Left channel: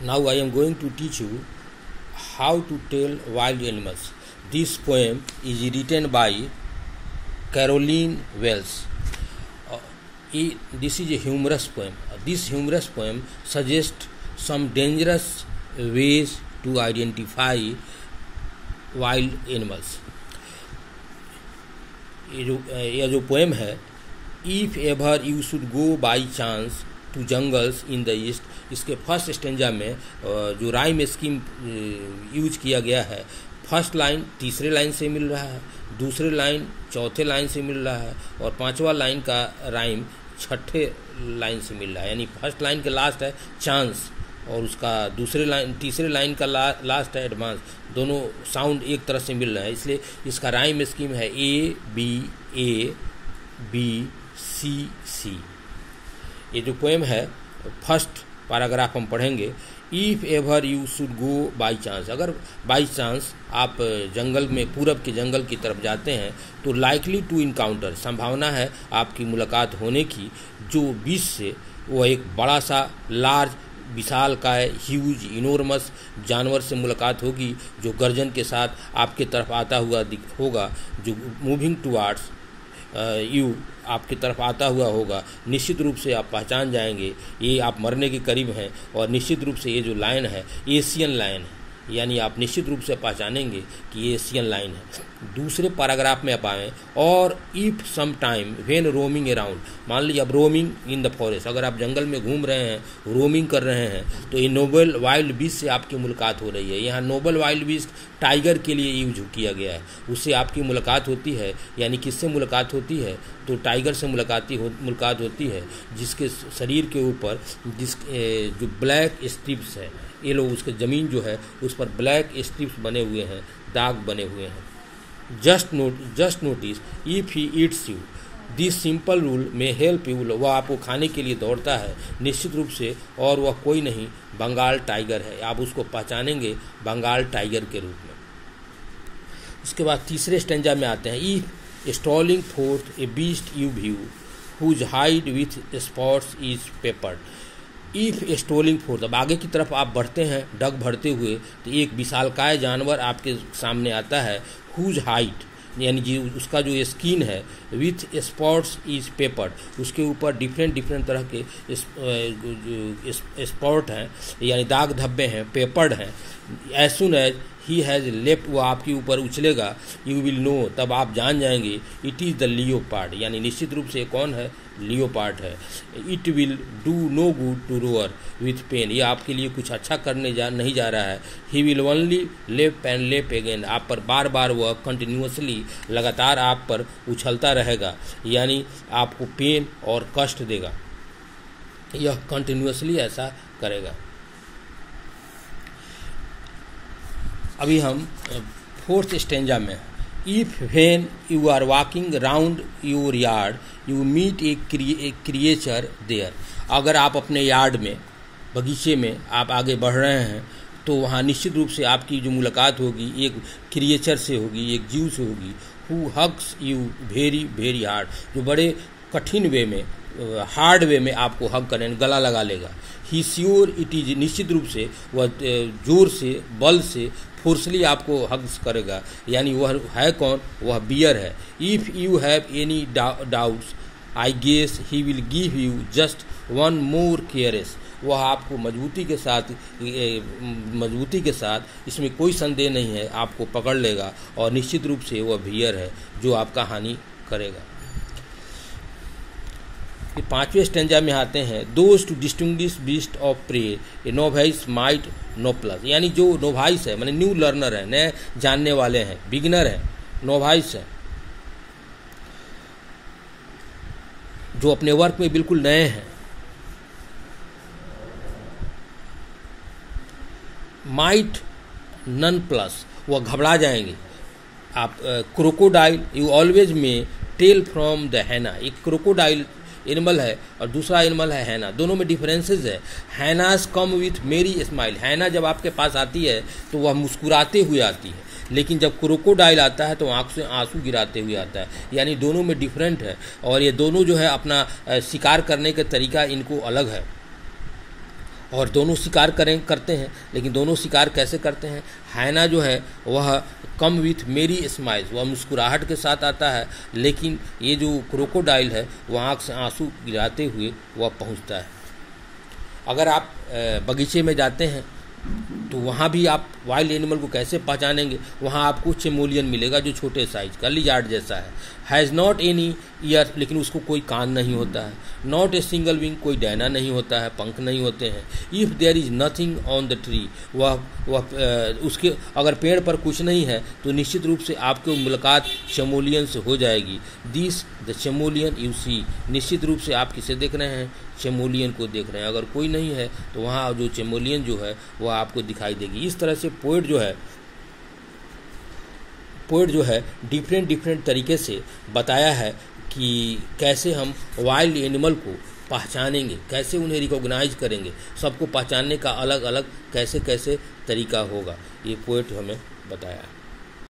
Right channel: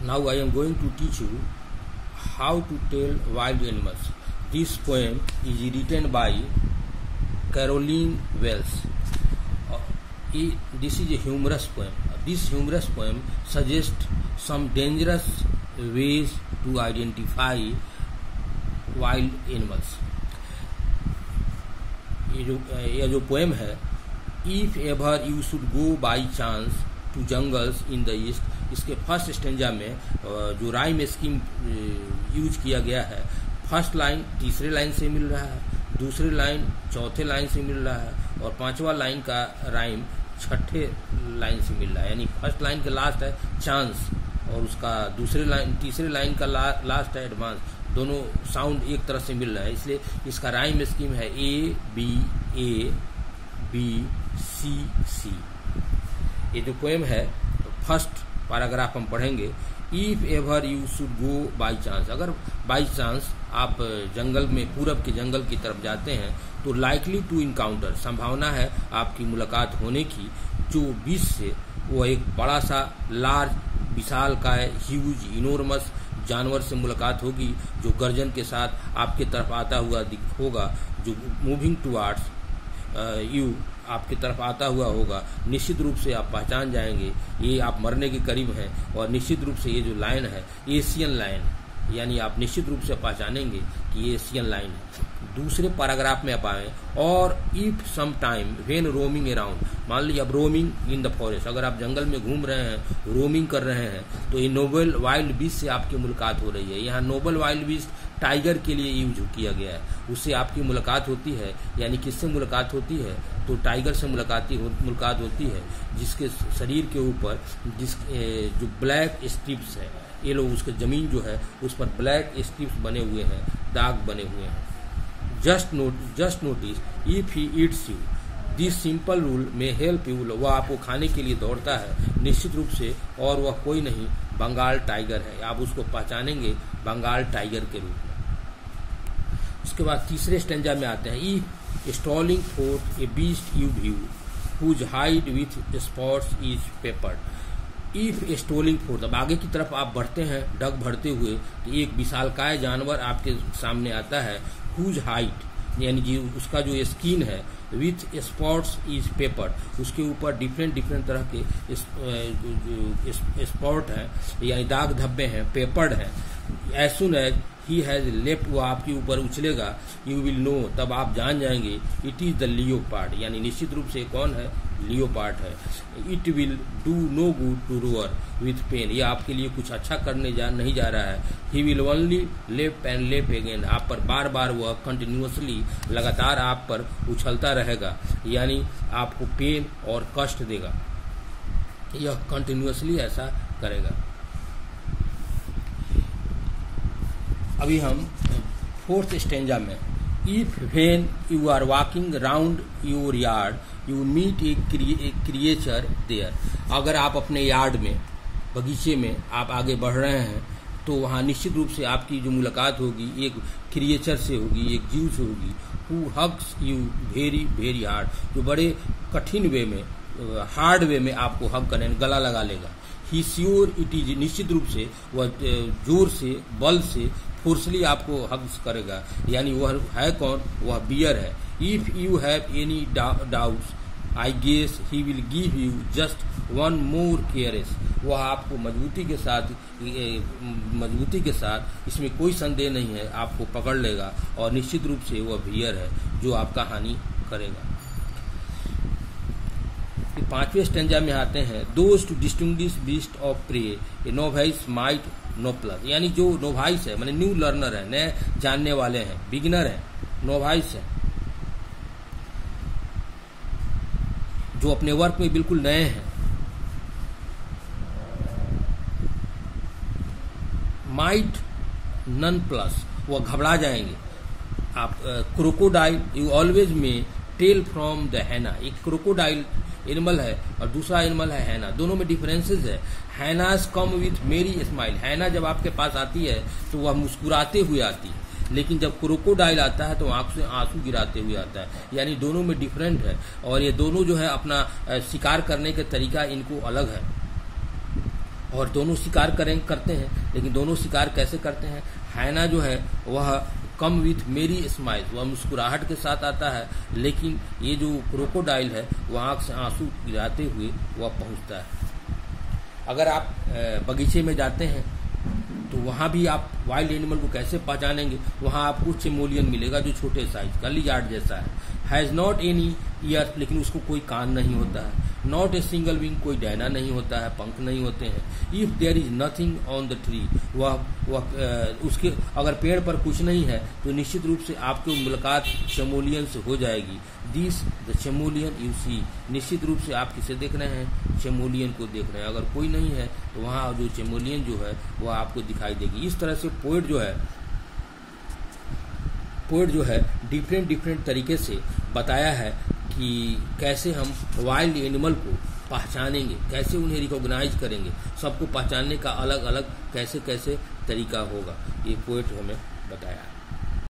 Now I am going to teach you how to tell wild animals. This poem is written by Caroline Wells. This is a humorous poem. This humorous poem suggests some dangerous ways to identify wild animals. यह जो poem है, if ever you should go by chance to jungles in the east, इसके first stanza में जो rhyme scheme use किया गया है, first line तीसरे लाइन से मिल रहा है, दूसरे लाइन चौथे लाइन से मिल रहा है और पांचवा लाइन का राइम छठे लाइन से मिल रहा है। यानी फर्स्ट लाइन के लास्ट है चांस और उसका तीसरे लाइन का लास्ट है एडवांस। दोनों साउंड एक तरह से मिल रहा है, इसलिए इसका राइम स्कीम है ए बी सी सी। ये जो पोएम है, फर्स्ट पैराग्राफ हम पढ़ेंगे। If ever you should go by chance, अगर बाई चांस आप जंगल में पूरब के जंगल की तरफ जाते हैं तो लाइकली टू इनकाउंटर, संभावना है आपकी मुलाकात होने की जो बीच से वो एक बड़ा सा लार्ज विशाल का है, ह्यूज इनोर्मस जानवर से मुलाकात होगी जो गर्जन के साथ आपके तरफ आता हुआ होगा, जो मूविंग टुवार्ड्स यू आपकी तरफ आता हुआ होगा। निश्चित रूप से आप पहचान जाएंगे ये आप मरने के करीब हैं और निश्चित रूप से ये जो लाइन है एशियन लाइन है, यानी आप निश्चित रूप से पहचानेंगे कि ये एशियन लाइन है। दूसरे पैराग्राफ में आप आए, और if some time when roaming around, मान लीजिए अब रोमिंग इन द फॉरेस्ट, अगर आप जंगल में घूम रहे हैं, रोमिंग कर रहे हैं, तो ये नोबल वाइल्ड बीस्ट से आपकी मुलाकात हो रही है। यहाँ नोबल वाइल्ड बीस्ट टाइगर के लिए यूज किया गया है, उससे आपकी मुलाकात होती है। यानी किससे मुलाकात होती है? तो टाइगर से मुलाकात होती है जिसके शरीर के ऊपर जो ब्लैक स्ट्रिप्स है, ये लोग उसके जमीन जो है उस पर ब्लैक स्ट्रिप्स बने हुए हैं, दाग बने हुए हैं। Just notice if he eats you, this simple rule में हेल्प यू, वह आपको खाने के लिए दौड़ता है निश्चित रूप से, और वह कोई नहीं बंगाल टाइगर है। आप उसको पहचानेंगे बंगाल टाइगर के रूप में। उसके बाद तीसरे स्टेंजा में आते हैं। If stalking forth a beast you view whose hide with spots is peppered. If stalking forth, अब आगे की तरफ आप बढ़ते हैं डग भरते हुए, तो एक विशालकाय जानवर आपके सामने आता है, हुज हाइट यानी कि उसका जो स्किन है, विथ स्पॉट्स इज पेपर्ड, उसके ऊपर डिफरेंट तरह के स्पॉट हैं यानी दाग धब्बे हैं, पेपर्ड हैं। As soon as he has left, वो आपके ऊपर उछलेगा, यू विल नो, तब आप जान जाएंगे, इट इज द लियोपार्ड, यानी निश्चित रूप से कौन है? लियोपार्ड है। It will do no good to roar with pain, ये आपके लिए कुछ अच्छा करने नहीं जा रहा है। ही विल ओनली लेप एंड लेप अगेन, आप पर बार बार वह कंटिन्यूसली लगातार आप पर उछलता रहेगा, यानी आपको पेन और कष्ट देगा, यह कंटिन्यूसली ऐसा करेगा। अभी हम फोर्थ स्टेंजा में, if when you are walking round your yard you meet a creature there, अगर आप अपने यार्ड में, बगीचे में आप आगे बढ़ रहे हैं तो वहाँ निश्चित रूप से आपकी जो मुलाकात होगी एक क्रिएचर से होगी, एक जीव से होगी, who hugs you very very hard, जो बड़े कठिन वे में, हार्ड वे में आपको हग करें, गला लगा लेगा। ही श्योर इट इज, निश्चित रूप से वह जोर से, बल से, फोर्सली आपको हग्स करेगा, यानी वह है कौन? वह बियर है। If you have any doubts I guess he will give you just one more caress, वह आपको मजबूती के साथ, इसमें कोई संदेह नहीं है, आपको पकड़ लेगा और निश्चित रूप से वह बियर है जो आपका हानि करेगा। पांचवें स्टेंजा में आते हैं, those to distinguish beast of prey a novice might nonplus, यानी जो नोवाइस है माने न्यू लर्नर है, नए जानने वाले हैं, बिगिनर है, नोवाइस है, जो अपने वर्क में बिल्कुल नए हैं। माइट नन प्लस, वह घबरा जाएंगे। आप क्रोकोडाइल यू ऑलवेज में टेल फ्रॉम द हैना, एक क्रोकोडाइल एनिमल है और दूसरा एनिमल है हैना, दोनों में डिफरेंसेस है। हैनाज कम विथ मेरी स्माइल, हैना जब आपके पास आती है तो वह मुस्कुराते हुए आती है, लेकिन जब क्रोकोडाइल आता है तो आंख से आंसू गिराते हुए आता है, यानी दोनों में डिफरेंट है और ये दोनों जो है अपना शिकार करने का तरीका इनको अलग है। और दोनों शिकार करते हैं, लेकिन दोनों शिकार कैसे करते हैं? हाइना जो है वह कम विथ मेरी स्माइल, वह मुस्कुराहट के साथ आता है, लेकिन ये जो क्रोकोडाइल है वह आँख से आंसू गिराते हुए वह पहुंचता है। अगर आप बगीचे में जाते हैं तो वहाँ भी आप वाइल्ड एनिमल को कैसे पहचानेंगे? वहाँ आपको चेमोलियन मिलेगा जो छोटे साइज का लिजार्ड जैसा है, हैज़ नॉट एनी ईयर, लेकिन उसको कोई कान नहीं होता है, नॉट ए सिंगल विंग, कोई डैना नहीं होता है, पंख नहीं होते हैं, if there is nothing on the tree, उसके अगर पेड़ पर कुछ नहीं है तो निश्चित रूप से आपको मुलाकात चेमोलियन से हो जाएगी। दिस द चेमोलियन यू सी, निश्चित रूप से आप किसे देख रहे हैं? चेमोलियन को देख रहे हैं। अगर कोई नहीं है तो वहाँ जो चेमोलियन जो है वह आपको दिखाई देगी। इस तरह से पोएट जो है डिफरेंट तरीके से बताया है कि कैसे हम वाइल्ड एनिमल को पहचानेंगे, कैसे उन्हें रिकॉग्नाइज करेंगे, सबको पहचानने का अलग अलग कैसे तरीका होगा, ये पोएट हमें बताया है।